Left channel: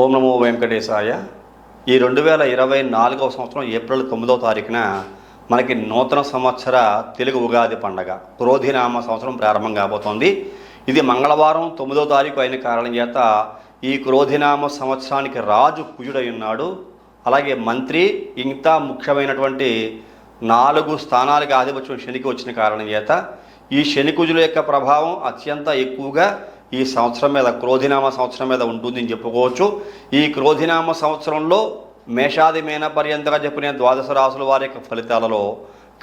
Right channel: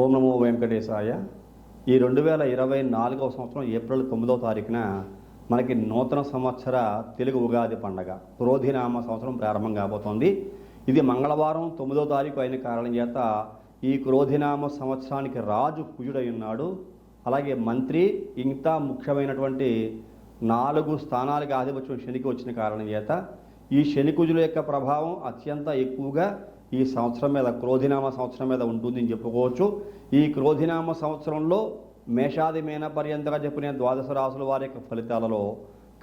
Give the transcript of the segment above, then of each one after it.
ఓం నమో వెంకటేశాయ. ఈ 2024వ సంవత్సరం ఏప్రిల్ 9వ తారీఖున మనకి నూతన సంవత్సర తెలుగు ఉగాది పండగ క్రోధినామ సంవత్సరం ప్రారంభం కాబోతోంది. ఇది మంగళవారం 9వ తారీఖు అయిన కారణం చేత ఈ క్రోధినామ సంవత్సరానికి రాజు కుజుడై ఉన్నాడు. అలాగే మంత్రి ఇంకా ముఖ్యమైనటువంటి 4 స్థానాలకు ఆధిపత్యం శనికి వచ్చిన కారణం చేత ఈ శని కుజుల యొక్క ప్రభావం అత్యంత ఎక్కువగా ఈ సంవత్సరం మీద క్రోధినామ సంవత్సరం మీద ఉంటుంది అని చెప్పుకోవచ్చు. ఈ క్రోధినామ సంవత్సరంలో మేషాది మీన పర్యంతగా చెప్పిన 12 రాసుల వారి యొక్క ఫలితాలలో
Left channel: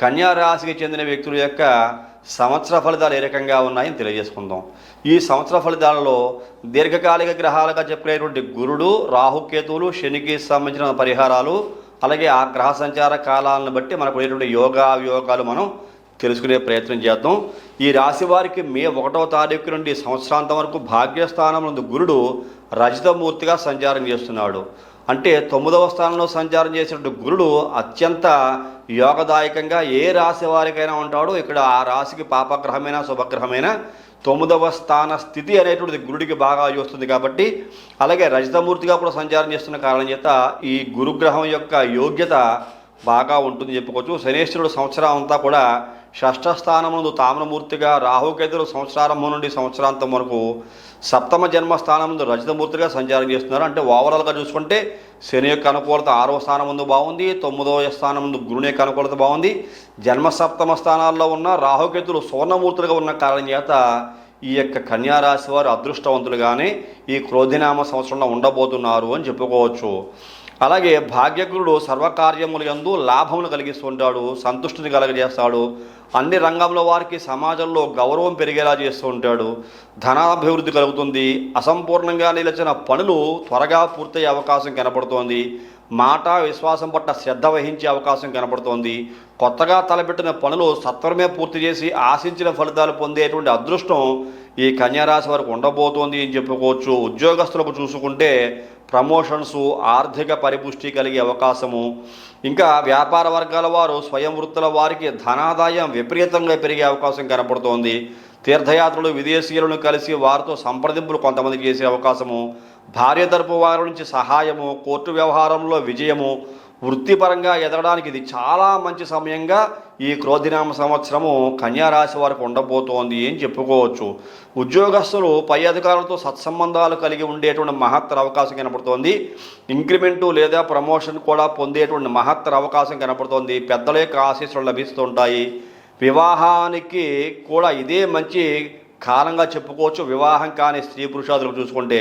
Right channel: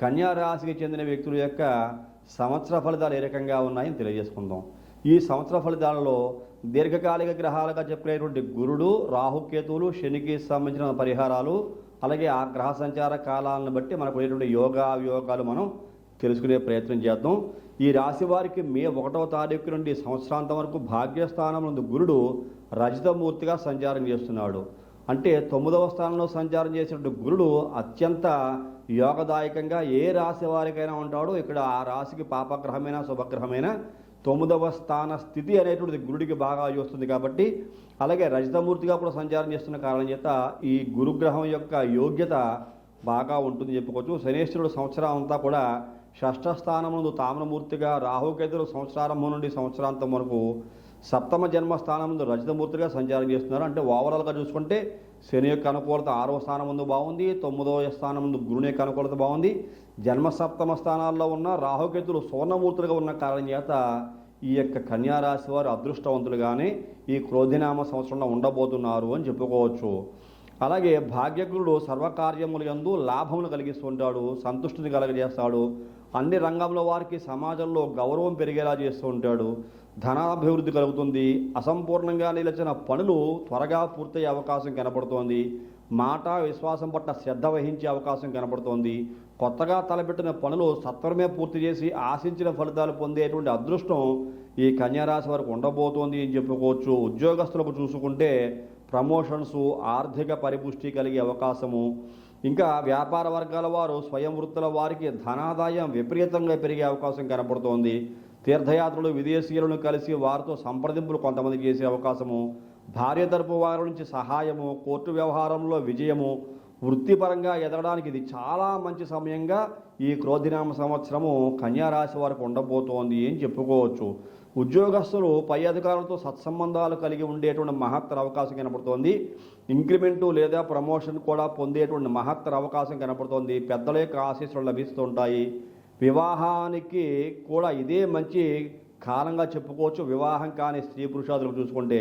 కన్యా రాశికి చెందిన వ్యక్తుల యొక్క సంవత్సర ఫలితాలు ఏ రకంగా ఉన్నాయని తెలియజేసుకుందాం. ఈ సంవత్సర ఫలితాలలో దీర్ఘకాలిక గ్రహాలుగా చెప్పినటువంటి గురుడు, రాహుకేతువులు, శనికి సంబంధించిన పరిహారాలు, అలాగే ఆ గ్రహ సంచార కాలాలను బట్టి మనకు ఉండేటువంటి యోగాలు మనం తెలుసుకునే ప్రయత్నం చేద్దాం. ఈ రాశి వారికి మే 1వ తారీఖు నుండి సంవత్సరాంతం వరకు భాగ్యస్థానం నందు గురుడు రజితమూర్తిగా సంచారం చేస్తున్నాడు. అంటే 9వ స్థానంలో సంచారం చేసినటువంటి గురుడు అత్యంత యోగదాయకంగా ఏ రాశి వారికైనా ఉంటాడో ఇక్కడ ఆ రాశికి పాపగ్రహమైన శుభగ్రహమైన 9వ స్థాన స్థితి అనేటువంటిది గురుడికి బాగా వస్తుంది కాబట్టి, అలాగే రజితమూర్తిగా కూడా సంచారం చేస్తున్న కారణం చేత ఈ గురుగ్రహం యొక్క యోగ్యత బాగా ఉంటుంది చెప్పుకోవచ్చు. శనేశ్వరుడు సంవత్సరం అంతా కూడా షష్ఠ స్థానం నందు తామ్రమూర్తిగా, రాహుకేతులు సంవత్సరారంభం నుండి సంవత్సరాంతం వరకు సప్తమ జన్మస్థానం నందు రజితమూర్తిగా సంచారం చేస్తున్నారు. అంటే ఓవరాల్గా చూసుకుంటే శని యొక్క అనుకూలత 6వ స్థానం ముందు బాగుంది, 9వ స్థానం ముందు గురుని యొక్క అనుకూలత బాగుంది. జన్మ సప్తమ స్థానాల్లో ఉన్న రాహుకేతులు సువర్ణమూర్తులుగా ఉన్న కారణం చేత ఈ యొక్క కన్యారాశి వారు అదృష్టవంతులుగానే ఈ క్రోధినామ సంవత్సరంలో ఉండబోతున్నారు అని చెప్పుకోవచ్చు. అలాగే భాగ్యగురుడు సర్వకార్యములు యందు లాభములు కలిగిస్తూ ఉంటాడు, సంతుష్టిని కలగజేస్తాడు. అన్ని రంగంలో వారికి సమాజంలో గౌరవం పెరిగేలా చేస్తూ ఉంటాడు. ధనాభివృద్ధి కలుగుతుంది. అసంపూర్ణంగా నిలిచిన పనులు త్వరగా పూర్తయ్యే అవకాశం కనపడుతోంది. మాట విశ్వాసం పట్ల శ్రద్ధ వహించే అవకాశం కనపడుతోంది. కొత్తగా తలపెట్టిన పనులు సత్వరమే పూర్తి చేసి ఆశించిన ఫలితాలు పొందేటువంటి అదృష్టం ఈ కన్యారాశి వారికి ఉండబోతోంది అని చెప్పుకోవచ్చు. ఉద్యోగస్తులకు చూసుకుంటే ప్రమోషన్స్, ఆర్థిక పరిపుష్టి కలిగే అవకాశము, ఇంకా వ్యాపార వర్గాల వారు స్వయం వృత్తుల వారికి ధనాదాయం విపరీతంగా పెరిగే అవకాశం కనపడుతోంది. తీర్థయాత్రలు, విదేశీయులను కలిసి వారితో సంప్రదింపులు కొంతమందికి చేసే అవకాశము, భార్య తరపు వారి నుంచి సహాయము, కోర్టు వ్యవహారంలో విజయము, వృత్తిపరంగా ఎదగడానికి ఇది చాలా మంచి సమయంగా ఈ క్రోధినామ సంవత్సరము కన్యారాశి వారికి ఉండబోతోంది అని చెప్పుకోవచ్చు. ఉద్యోగస్తులు పై అధికారులతో సత్సంబంధాలు కలిగి ఉండేటువంటి మహత్తర అవకాశం కనపడుతోంది. ఇంక్రిమెంటు లేదా ప్రమోషన్ కూడా పొందేటువంటి మహత్తర అవకాశం కనపడుతోంది. పెద్దల యొక్క ఆశీస్సులు లభిస్తుంటాయి. వివాహానికి కూడా ఇదే మంచి కాలంగా చెప్పుకోవచ్చు. వివాహం కాని స్త్రీ పురుషాదులకు చూసుకుంటే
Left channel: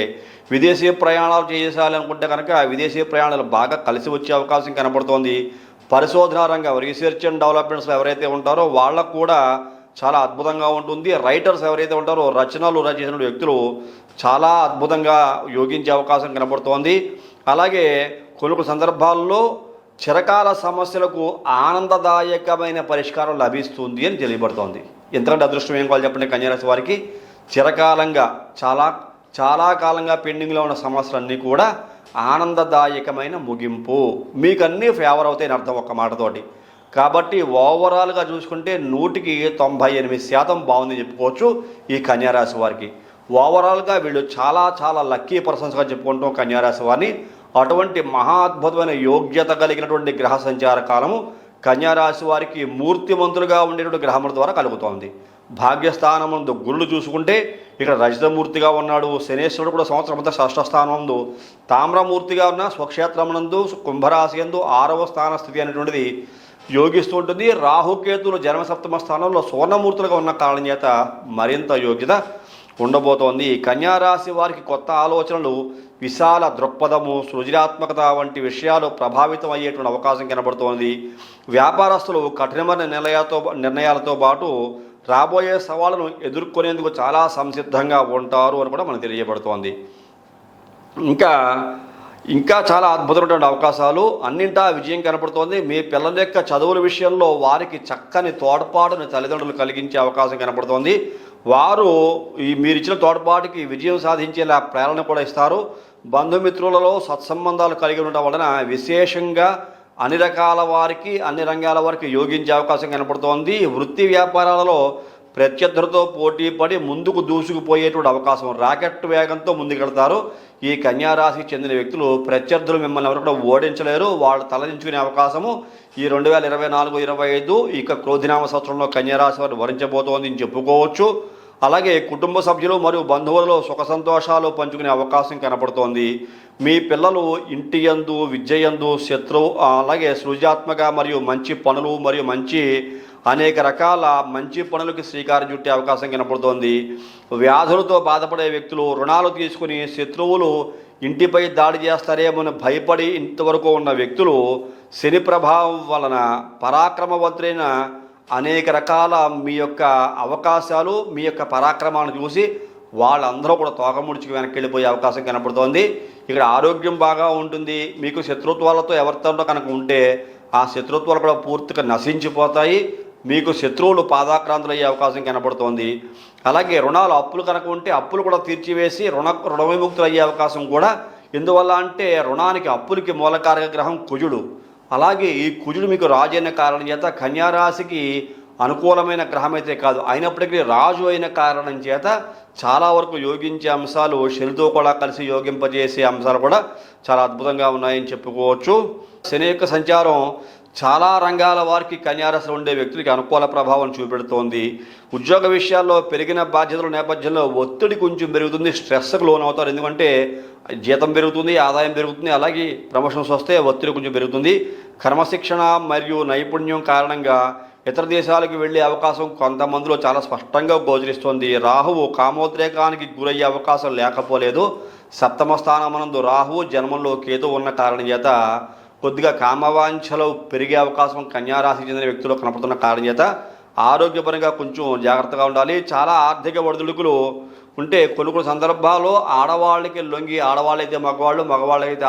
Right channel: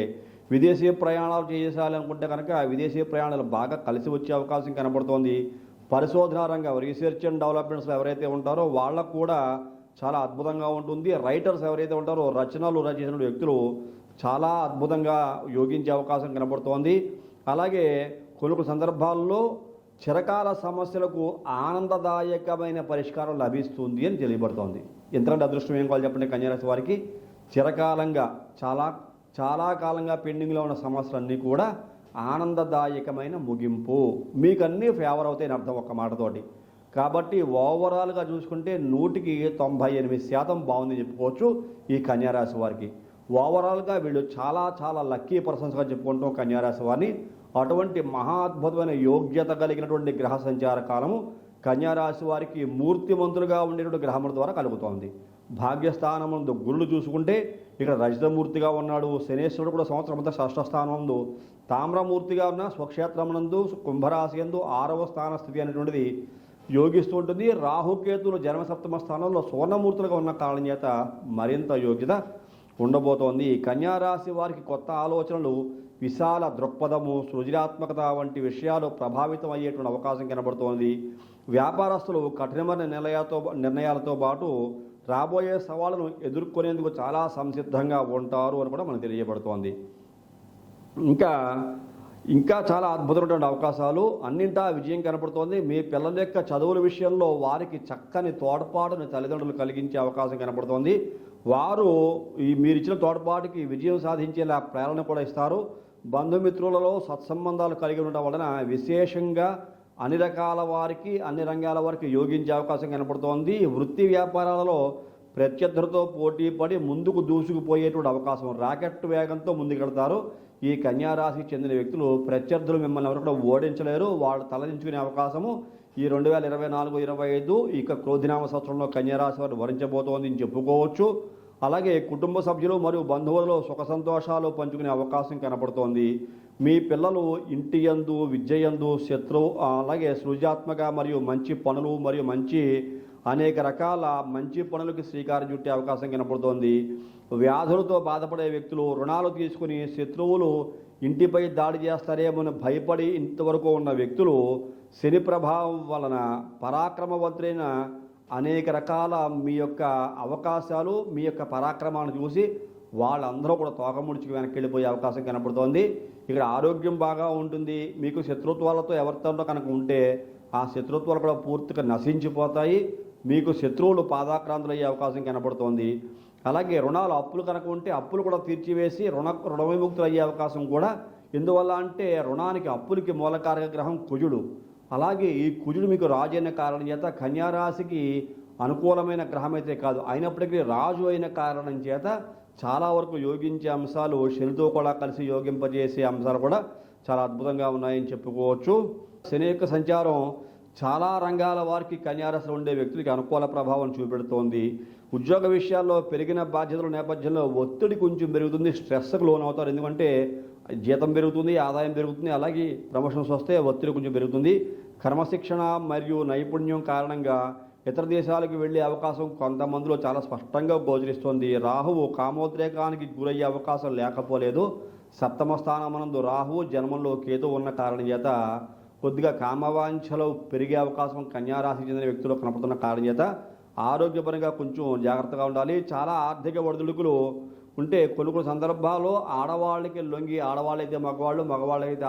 విదేశీ ప్రయాణాలు చేయాలనుకుంటే కనుక విదేశీ ప్రయాణాలు బాగా కలిసి వచ్చే అవకాశం కనబడుతోంది. పరిశోధనా రంగం, రీసెర్చ్ అండ్ డెవలప్మెంట్స్లో ఎవరైతే ఉంటారో వాళ్ళకు కూడా చాలా అద్భుతంగా ఉంటుంది. రైటర్స్ ఎవరైతే ఉంటారో రచనలు రచించిన వ్యక్తులు చాలా అద్భుతంగా యోగించే అవకాశం కనబడుతోంది. అలాగే కొన్ని సందర్భాల్లో చిరకాల సమస్యలకు ఆనందదాయకమైన పరిష్కారం లభిస్తుంది అని తెలియబడుతోంది. ఎంతకంటే అదృష్టం ఏం కావాలి చెప్పండి. కన్యారాశి వారికి చిరకాలంగా చాలా కాలంగా పెండింగ్లో ఉన్న సమస్యలన్నీ కూడా ఆనందదాయకమైన ముగింపు, మీకు అన్నీ ఫేవర్ అవుతాయని అర్థం ఒక్క మాటతోటి. కాబట్టి ఓవరాల్గా చూసుకుంటే 100కి 98% బాగుందని చెప్పుకోవచ్చు ఈ కన్యారాశి వారికి. ఓవరాల్గా వీళ్ళు చాలా లక్కీ పర్సన్స్గా చెప్పుకుంటాం కన్యారాశి వారిని. అటువంటి మహా అద్భుతమైన యోగ్యత కలిగినటువంటి గ్రహ సంచార కాలము కన్యారాశి వారికి మూర్తిమంతులుగా ఉండేటువంటి గ్రహముల ద్వారా కలుగుతోంది. భాగ్యస్థానముందు గురుడు చూసుకుంటే ఇక్కడ రజితమూర్తిగా ఉన్నాడు. శనేశ్వరుడు కూడా సంవత్సరం అంతా షష్ఠ స్థానముందు తామ్రమూర్తిగా ఉన్న స్వక్షేత్రమునందు కుంభరాశి యందు 6వ స్థాన స్థితి అనేటువంటిది యోగిస్తూ ఉంటుంది. రాహుకేతులు జన్మసప్తమ స్థానంలో సువర్ణమూర్తులుగా ఉన్న కారణం చేత మరింత యోగ్యత ఉండబోతోంది. కన్యారాశి వారికి కొత్త ఆలోచనలు, విశాల దృక్పథము, సృజనాత్మకత వంటి విషయాలు ప్రభావితం అయ్యేటువంటి అవకాశం కనబడుతోంది. వ్యాపారస్తులు కఠినమైన నిర్ణయాలతో పాటు రాబోయే సవాళ్ళను ఎదుర్కొనేందుకు చాలా సంసిద్ధంగా ఉంటారు అని కూడా మనకు తెలియబడుతోంది. ఇంకా చాలా అద్భుతమైనటువంటి అవకాశాలు, అన్నింటా విజయం కనపడుతోంది. మీ పిల్లల యొక్క చదువుల విషయంలో వారికి చక్కని తోడ్పాటుని తల్లిదండ్రులు కలిగించే అవకాశం కనపడుతోంది. వారు మీరు ఇచ్చిన తోడ్పాటుకి విజయం సాధించేలా ప్రేరణ కూడా ఇస్తారు. బంధుమిత్రులలో సత్సంబంధాలు కలిగి ఉండడం వలన విశేషంగా అన్ని రకాల వారికి, అన్ని రంగాల వారికి యోగించే అవకాశం కనపడుతోంది. వృత్తి వ్యాపారాలలో ప్రత్యర్థులతో పోటీ పడి ముందుకు దూసుకుపోయేటువంటి అవకాశం, రాకెట్ వేగంతో ముందుకెళ్తారు. ఈ కన్యారాశికి చెందిన వ్యక్తులు ప్రత్యర్థులు మిమ్మల్ని ఎవరు కూడా ఓడించలేరు. వాళ్ళు తలదించుకునే అవకాశము ఈ 2024-25 ఇక క్రోధినామ సంవత్సరంలో కన్యారాశి వారు వరించబోతోంది అని చెప్పుకోవచ్చు. అలాగే కుటుంబ సభ్యులు మరియు బంధువులలో సుఖ సంతోషాలు పంచుకునే అవకాశం కనపడుతోంది. మీ పిల్లలు ఇంటి యందు విద్య యందు అలాగే సృజనాత్మక మరియు మంచి పనులు మరియు అనేక రకాల మంచి పనులకు శ్రీకారం చుట్టే అవకాశం కనపడుతోంది. వ్యాధులతో బాధపడే వ్యక్తులు, రుణాలు తీసుకుని శత్రువులు ఇంటిపై దాడి చేస్తారేమని భయపడి ఇంతవరకు ఉన్న వ్యక్తులు శని ప్రభావం వలన పరాక్రమవంతులైన అనేక రకాల మీ యొక్క అవకాశాలు, మీ యొక్క పరాక్రమాన్ని చూసి వాళ్ళందరూ కూడా తోకముడిచి వెనక్కి వెళ్ళిపోయే అవకాశం కనపడుతోంది. ఇక్కడ ఆరోగ్యం బాగా ఉంటుంది. మీకు శత్రుత్వాలతో ఎవరితో కనుక ఉంటే ఆ శత్రుత్వాలు కూడా పూర్తిగా నశించిపోతాయి. మీకు శత్రువులు పాదాక్రాంతులు అయ్యే అవకాశం కనపడుతోంది. అలాగే రుణాలు, అప్పులు కనుక ఉంటే అప్పులు కూడా తీర్చివేసి రుణ విముక్తులు అయ్యే అవకాశం కూడా. ఎందువల్ల అంటే రుణానికి అప్పులకి మూలకారక గ్రహం కుజుడు. అలాగే ఈ కుజుడు మీకు రాజు అయిన కారణం చేత కన్యారాశికి అనుకూలమైన గ్రహం అయితే కాదు, అయినప్పటికీ రాజు అయిన కారణం చేత చాలా వరకు యోగించే అంశాలు, శనితో కూడా కలిసి యోగింపజేసే అంశాలు కూడా చాలా అద్భుతంగా ఉన్నాయని చెప్పుకోవచ్చు. శని యొక్క సంచారం చాలా రంగాల వారికి కన్యారాశిలో ఉండే వ్యక్తులకి అనుకూల ప్రభావం చూపెడుతోంది. ఉద్యోగ విషయాల్లో పెరిగిన బాధ్యతల నేపథ్యంలో ఒత్తిడి కొంచెం పెరుగుతుంది, స్ట్రెస్కు లోనవుతారు. ఎందుకంటే జీతం పెరుగుతుంది, ఆదాయం పెరుగుతుంది, అలాగే ప్రమోషన్స్ వస్తే ఒత్తిడి కొంచెం పెరుగుతుంది. క్రమశిక్షణ మరియు నైపుణ్యం కారణంగా ఇతర దేశాలకు వెళ్ళే అవకాశం కొంతమందిలో చాలా స్పష్టంగా గోచరిస్తోంది. రాహువు కామోద్రేకానికి గురయ్యే అవకాశం లేకపోలేదు. సప్తమ స్థానమనందు రాహువు జన్మంలో కేతు ఉన్న కారణం చేత కొద్దిగా కామవాంఛలు పెరిగే అవకాశం కన్యారాశికి చెందిన వ్యక్తులు కనపడుతున్న కారణం చేత ఆరోగ్యపరంగా కొంచెం జాగ్రత్తగా ఉండాలి. చాలా ఆర్థిక ఒడిదుడుకులు ఉంటే కొన్ని సందర్భాల్లో ఆడవాళ్ళకి లొంగి, ఆడవాళ్ళైతే మగవాళ్ళు, మగవాళ్ళైతే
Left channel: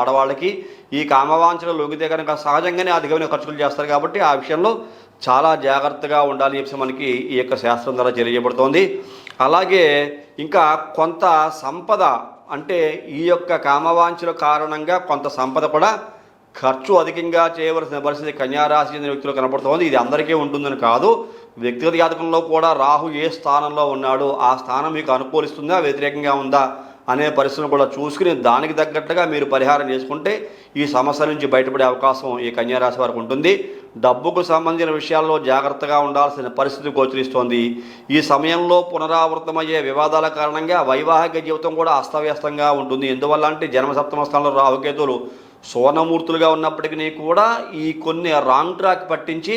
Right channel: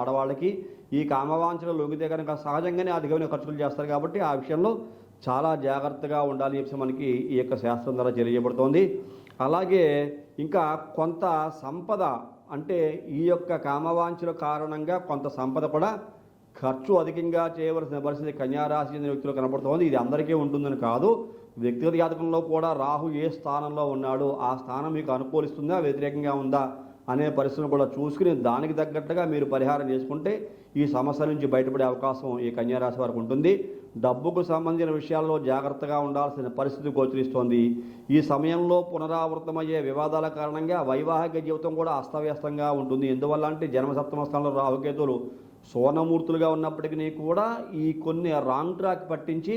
ఆడవాళ్ళకి ఈ కామవాంఛలు లొంగితే కనుక సహజంగానే అధికమైన ఖర్చులు చేస్తారు. కాబట్టి ఆ విషయంలో చాలా జాగ్రత్తగా ఉండాలి చెప్పి మనకి ఈ యొక్క శాస్త్రం ద్వారా తెలియజేయబడుతోంది. అలాగే ఇంకా కొంత సంపద, అంటే ఈ యొక్క కామవాంఛల కారణంగా కొంత సంపద కూడా ఖర్చు అధికంగా చేయవలసిన పరిస్థితి కన్యారాశి చెందిన వ్యక్తులు కనపడుతోంది. ఇది అందరికీ ఉంటుందని కాదు. వ్యక్తిగత జాతకంలో కూడా రాహు ఏ స్థానంలో ఉన్నాడో ఆ స్థానం మీకు అనుకూలిస్తుందా, వ్యతిరేకంగా ఉందా అనే పరిస్థితులను కూడా చూసుకుని దానికి తగ్గట్టుగా మీరు పరిహారం చేసుకుంటే ఈ సమస్య నుంచి బయటపడే అవకాశం ఈ కన్యారాశి వారికి ఉంటుంది. డబ్బుకు సంబంధించిన విషయాల్లో జాగ్రత్తగా ఉండాల్సిన పరిస్థితి గోచరిస్తోంది. ఈ సమయంలో పునరావృతమయ్యే వివాదాల కారణంగా వైవాహిక జీవితం కూడా అస్తవ్యస్తంగా ఉంటుంది. ఎందువల్ల అంటే జన్మసప్తమ స్థానంలో రాహుకేతువులు సువర్ణమూర్తులుగా ఉన్నప్పటికీ కూడా ఈ కొన్ని రాంగ్ ట్రాక్ పట్టించి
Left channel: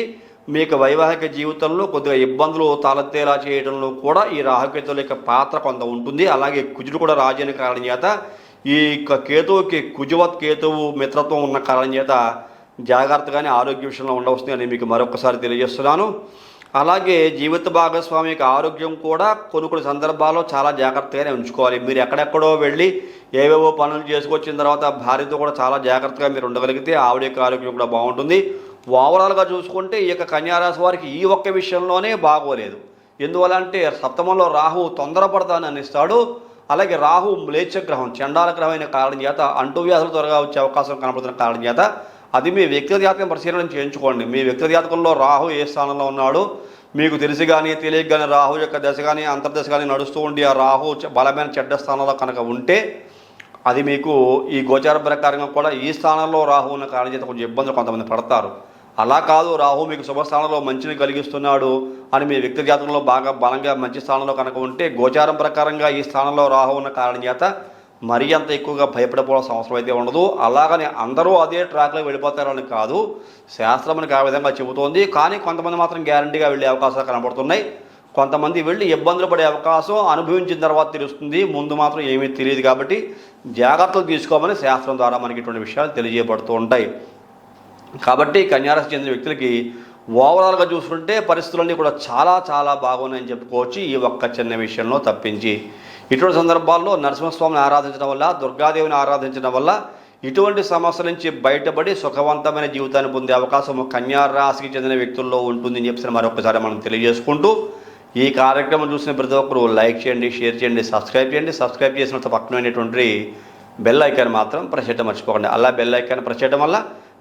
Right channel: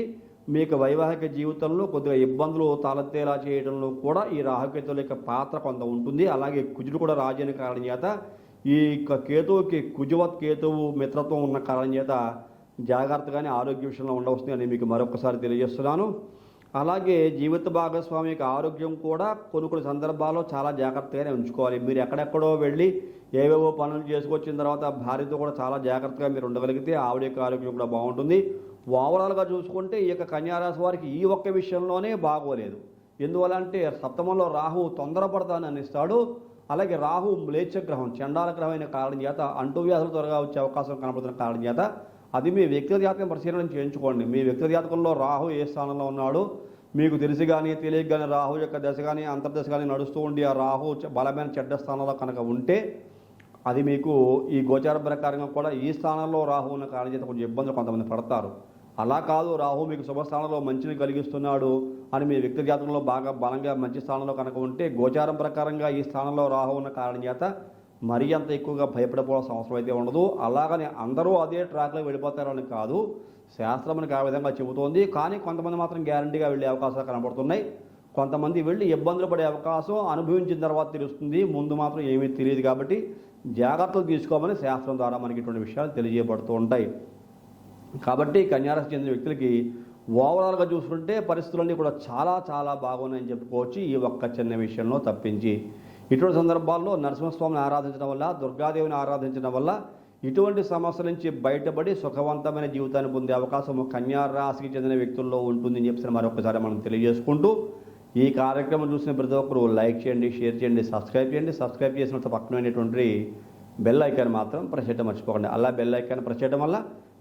మీకు వైవాహిక జీవితంలో కొద్దిగా ఇబ్బందులు తలెత్తేలా చేయడంలో కూడా ఈ రాహుకేతువుల యొక్క పాత్ర కొంత ఉంటుంది. అలాగే కుజుడు కూడా రాజు అయిన కారణం చేత ఈ కేతువుకి కుజువత్ కేతువు మిత్రత్వం ఉన్న కారణం చేత జాగ్రత్తగానే ఆరోగ్య విషయంలో ఉండవస్తుంది అని మీకు మరొకసారి తెలియజేస్తున్నాను. అలాగే జీవిత భాగస్వామి యొక్క ఆరోగ్యం కూడా కొన్ని సందర్భాల్లో చాలా జాగ్రత్తగానే ఉంచుకోవాలి. మీరు ఎక్కడెక్కడో వెళ్ళి ఏవేవో పనులు చేసుకొచ్చిన తర్వాత భార్యతో కూడా చాలా జాగ్రత్తగా మీరు ఉండగలిగితే ఆవిడ యొక్క ఆరోగ్యం కూడా బాగుంటుంది. ఓవరాల్గా చూసుకుంటే ఈ యొక్క కన్యారాశి వారికి ఈ ఒక్క విషయంలోనే బాగోలేదు. ఎందువల్ల అంటే సప్తమంలో రాహు తొందరపడతానని ఇస్తాడు. అలాగే రాహు మ్లేచ్ఛగ్రహం, చండాల గ్రహం అయిన కారణం చేత అంటువ్యాధులు త్వరగా వచ్చే అవకాశం కనపడుతున్న కారణం చేత అది మీ వ్యక్తిగత జాతకం పరిశీలన చేయించుకోండి. మీ వ్యక్తిగత జాతకంలో రాహు ఏ స్థానంలో ఉన్నాడో మీకు తెలిసి కానీ తెలియక కానీ రాహు యొక్క దశ కానీ అంతర్దశ కానీ నడుస్తూ ఉండి ఆ రాహు బలమైన చెడ్డ స్థానంలో కనుక ఉంటే అది మీకు ఈ గోచార ప్రకారంగా కూడా ఈ స్థానంలో రాహు ఉన్న కారణం చేత కొంచెం ఇబ్బందులు కొంతమంది పడతారు. అలా కాదు, రాహు మీకు శుభస్థానంలో మంచిని కలిగిస్తున్నాడు అని మీ వ్యక్తి జాతకంలో బాగా బలంగా మంచి స్థానంలో కనుక ఉంటే గోచారం ప్రకారంగా ఈ స్థానంలో రాహు ఉన్న కారణం చేత మరీ అంత ఎక్కువగా భయపడిపోవాల్సిన అవసరం అయితే ఉండదు. అలాగని అందరూ అదే ట్రాక్లో వెళ్ళిపోతారని కాదు, శాస్త్రం మనకి ఆ విధంగా చెబుతోంది. కానీ కొంతమంది మాత్రం గ్యారంటీగా వెళ్ళే అవకాశాలు కనబడుతున్నాయి. కొంతమంది వెళ్ళి ఇబ్బందులు పడే అవకాశం అనుభవించిన తర్వాత తెలుస్తుంది, ముందు మాత్రం ఏమీ తెలియదు. కాబట్టి జాగ్రత్తలు తీసుకోమని శాస్త్రం ద్వారా మనకి ఇటువంటి విషయాలు తెలియజేయబడుతూ ఉంటాయి. కాబట్టి కన్యారాశి చెందిన వ్యక్తులకి ఓవరాల్గా చూసుకుంటే పరిస్థితులన్నీ కూడా చాలా చాలా బాగున్నాయని చెప్పుకోవచ్చు, ఈ ఒక్క చిన్న విషయంలో తప్పించి. ఇటువంటి సందర్భాల్లో నరసింహస్వామిని ఆరాధించడం వల్ల, దుర్గాదేవిని ఆరాధించడం వల్ల ఇటువంటి సమస్యల నుంచి బయటపడి సుఖవంతమైన జీవితాన్ని పొందే అవకాశం కన్యారాశికి చెందిన వ్యక్తుల్లో ఉంటుందని చెప్పి మరొకసారి మనం తెలియజేసుకుంటూ ఈ కార్యక్రమం చూసిన ప్రతి ఒక్కరు లైక్ చేయండి, షేర్ చేయండి, సబ్స్క్రైబ్ చేయండి. సబ్స్క్రైబ్ చేసిన పక్కనటువంటి బెల్ ఐకాన్ మాత్రం ప్రెస్ చేయడం మర్చిపోకండి. అలా బెల్ ఐకాన్ ప్రెస్ చేయడం వల్ల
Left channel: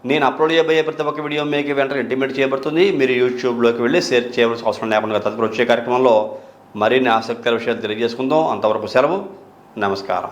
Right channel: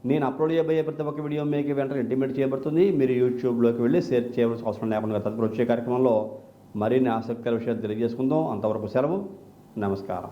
నేను అప్లోడ్ చేయబోయే ప్రతి ఒక్క వీడియో మీకు వెంటనే ఇంటిమేట్ చేయబడుతుంది. మీరు యూట్యూబ్లోకి వెళ్ళి షేర్ చేయవలసిన అవసరం లేకుండా తదుపరి వచ్చే కార్యక్రమంలో మరిన్ని ఆసక్తికర విషయాలు తెలియజేసుకుందాం. అంతవరకు సెలవు, నమస్కారం.